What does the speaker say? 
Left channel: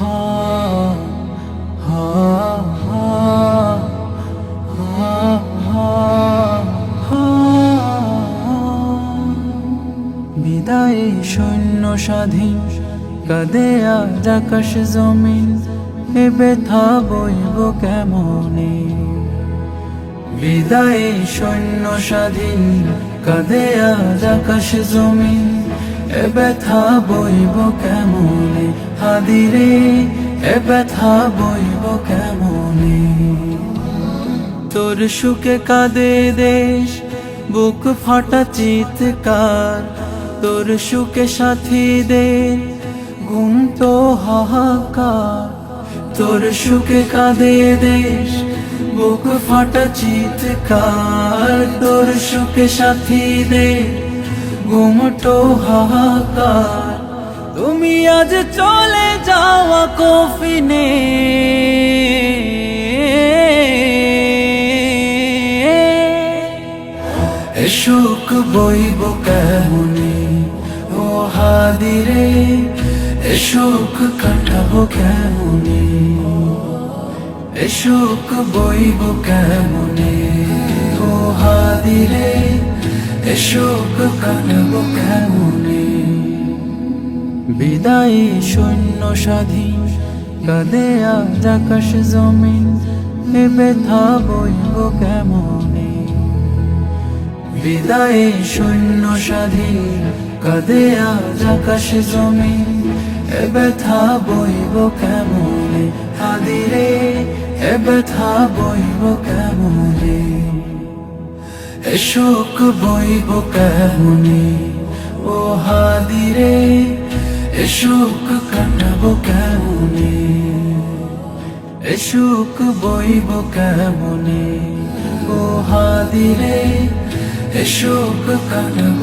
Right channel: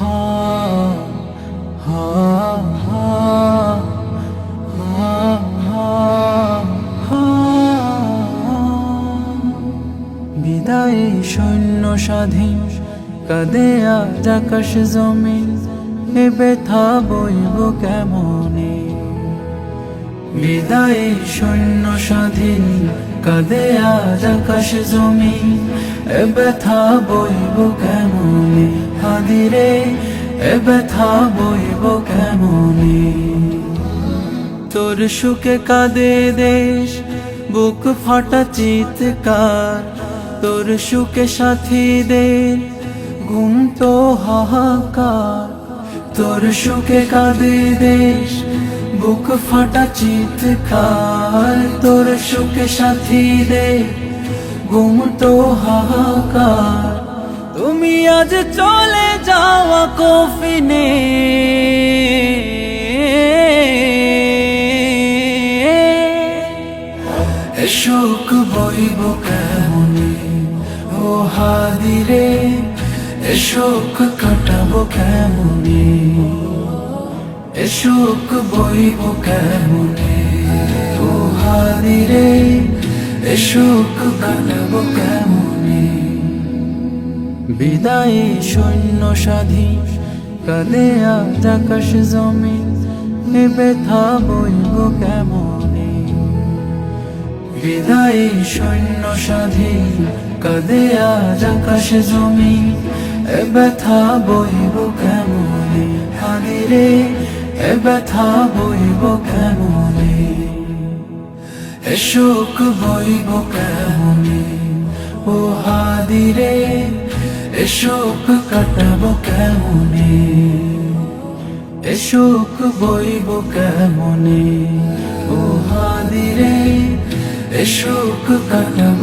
হা হা হা হা হা। বিদায় শূন্য স্বাধীন কাঁদে আজ আকাশ জমিন, এ ব্যথা বইব কেমনে। বিদায় শূন্য স্বাধীন কাঁদে আজ আকাশ জমিন, এ ব্যথা বইব কেমনে। হাদিরে এ ব্যথা বইব কেমনে। তোর সুখে কাঁদে দেশ, বুক ফাটা চিৎকার, তোর সুখে সাথীদের ঘুম তো হাহাকার। তোর সুখে কাঁদে দেশ, বুক ফাটা চিৎকার, তোর সুখে সাথীদের ঘুম তো হাহাকার। তুমি আজ চলে যাওয়া কফিনে, এ শোক বইব কেমনে। ও হাদিরে এ শোক কাটাবো কেমনে, এ শোক বইব কেমনে। ও হাদিরে এ শোক কাটাবো কেমনে। বিদায় শূন্য স্বাধীন কাঁদে আজ আকাশ জমিন, এ ব্যথা বইব কেমনে। বিদায় শূন্য স্বাধীন কাঁদে আজ আকাশ জমিন, এ ব্যথা বইব কেমনে। হাদিরে এ ব্যথা বইব কেমনে, এ শোক বইব কেমনে। ও হাদিরে এ শোক কাটাবো কেমনে, এ শোক বইব কেমনে। ও হাদিরে এ শোক কাটাবো